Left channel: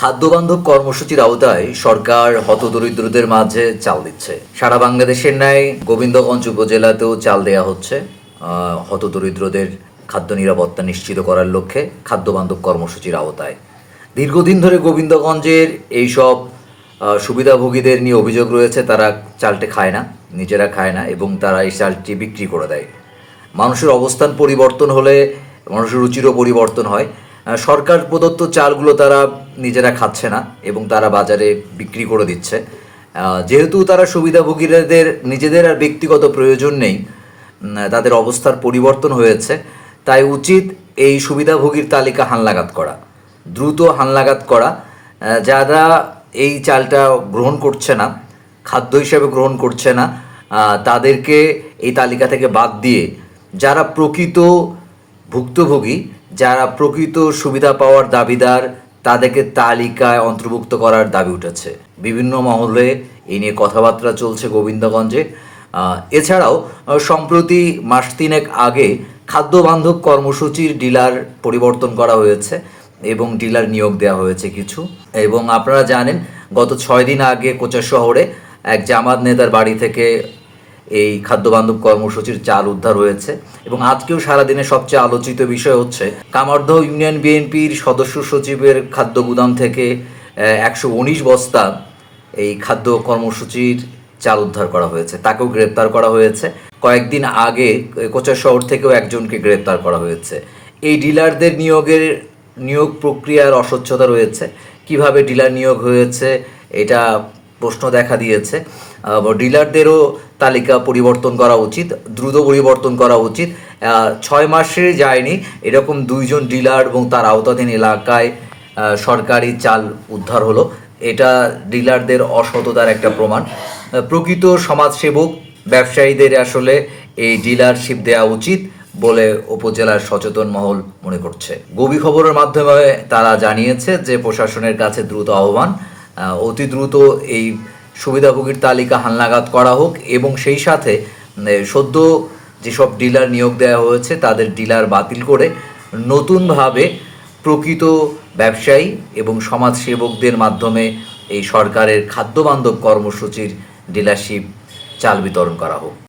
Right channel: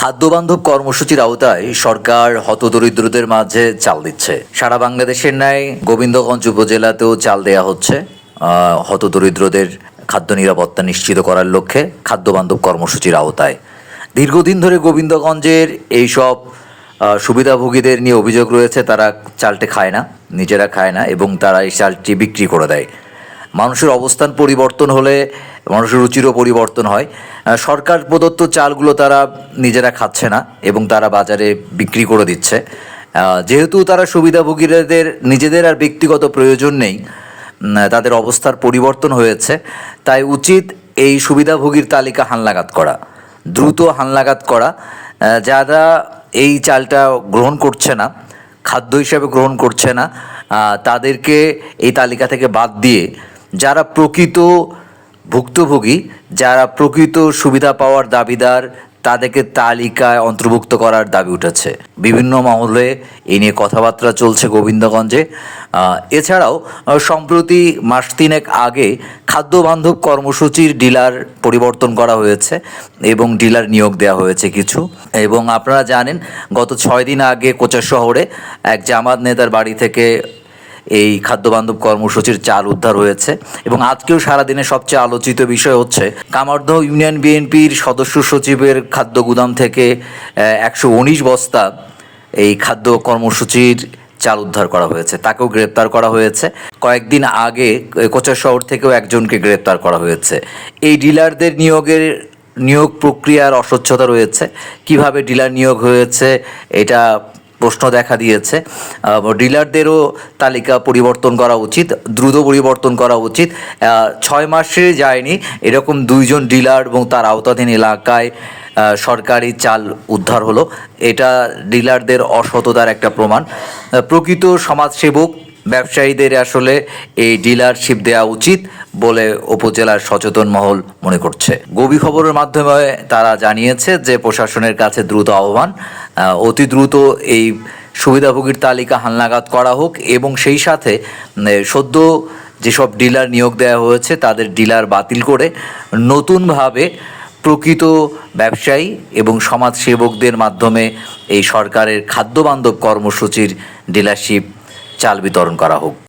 খাদ্যবান্ধব কর্মসূচির আওতায় সরকার হতদরিদ্রদের মাঝে চাল দিচ্ছে। সারা বাংলাদেশের ন্যায় গোবিন্দগঞ্জ উপজেলাতেও চাল দেয়া হচ্ছে। হতদরিদ্রদের খাদ্য নিরাপত্তা নিশ্চিত করার লক্ষ্যে খাদ্যবান্ধব কর্মসূচির আওতায়। দীর্ঘদিন ধরে গোবিন্দগঞ্জের এইসব সুবিধাভোগীদের নিয়ে অভিযোগ রয়েছে, তারা চালটি খায় না, নিজেরা খায় না এবং তারা এই চালটি বিক্রি করে দেয়। মানুষের অবস্থান পরিবর্তন হলে মানুষের রুচিরও পরিবর্তন হয়। সরকার প্রদত্ত চালগুলো তারা নিজেরা খাচ্ছে না এবং তারা বাজারে বিক্রি করে দিচ্ছে। যেহেতু তারা সুবিধাভোগীদের নিজেদের আর ব্যক্তিগত প্রয়োজন নেই তাদের অবস্থার পরিবর্তন হয়েছে, তাই উচিত এই সুবিধাভোগীর তালিকা হালনাগাদ করা, দ্রুত হালনাগাদ করা। যারা এই চালটা গ্রহণ করছে না, খাদ্য হিসেবে গ্রহণ করছে না তাদেরকে এই তালিকা থেকে বাদ দিয়ে যারা প্রকৃত ভুক্তভোগী যারা প্রকৃত সুবিধা পাওয়ার দাবিদার, তাদেরকে তালিকায় অন্তর্ভুক্ত করার দাবি উঠেছে। বিভিন্ন মহলে এ নিয়ে কথাবার্তা চলছে গোবিন্দগঞ্জে। এছাড়াও সম্প্রতি মাস তিনেক আগে খাদ্য বান্ধব কর্মসূচির ডিলার পরিবর্তন করা হয়েছে এবং ডিলার নিয়োগ দেওয়া হয়েছে কিছু। এবং আপনারা জানেন, গত ছয় দিন আগে কোচা শহরে এক জামাত নেতার বাড়ি থেকে এই খাদ্যবান্ধব কর্মসূচির চাল উদ্ধার হয়েছে। এবং আজকেও সারাদিনে সবচেয়ে আলোচিত বিষয় হচ্ছে কামারদহ ইউনিয়ন বিএনপির সদস্য সচিবের খাদ্য গুদাম থেকে একশো উনিশ বস্তা এই খাদ্য কর্মসূচির চাল উদ্ধার করা হয়েছে। তাকেও গ্রেপ্তার করা হয়েছে। কয়েকদিন আগে কোচা শহর থেকেও একজনকে গ্রেপ্তার করা হয়েছে। এই ডিলারদের নিয়োগের, নিয়োগ প্রক্রিয়ার অস্বচ্ছতা রয়েছে। কীভাবে ডিলার নিয়োগ হয়েছে, এটা প্রশ্ন দেখা দিয়েছে। ডিলারদেরও তালিকা পরিবর্তন করা উচিত দ্রুত পরিবর্তন করা উচিত। ছয় মাসে যায়নি এরকম দুইজন ডিলার এবং তার আওতাধীন এলাকায় সরকারি চাল উদ্ধার হলো। এটা ডিলারদের অসততার একটা প্রমাণ। প্রকৃত সমাজসেবক ব্যবসায়ীদের আসলে এই ডিলারশিপ দেওয়া উচিত বলে উপজেলার সচেতন মহল মনে করছে। গবি খবরের মাধ্যমে তারা জানিয়েছে যে প্রশাসনের কাছে দ্রুত আহ্বান। আহ, অতি দ্রুত এই সুবিধাভোগীর তালিকা হালনাগাদ করা হোক এবং সেই সাথে সদ্য যেসব ডিলার নিয়োগ দেওয়া হয়েছে তাদের ডিলার বাতিল করে নতুনভাবে প্রকৃত ব্যবসায়ী এবং সমাজসেবকদের মাধ্যমে এই সরকারের খাদ্যবান্ধব কর্মসূচির ডিলারশিপ চাল বিতরণ করা হোক।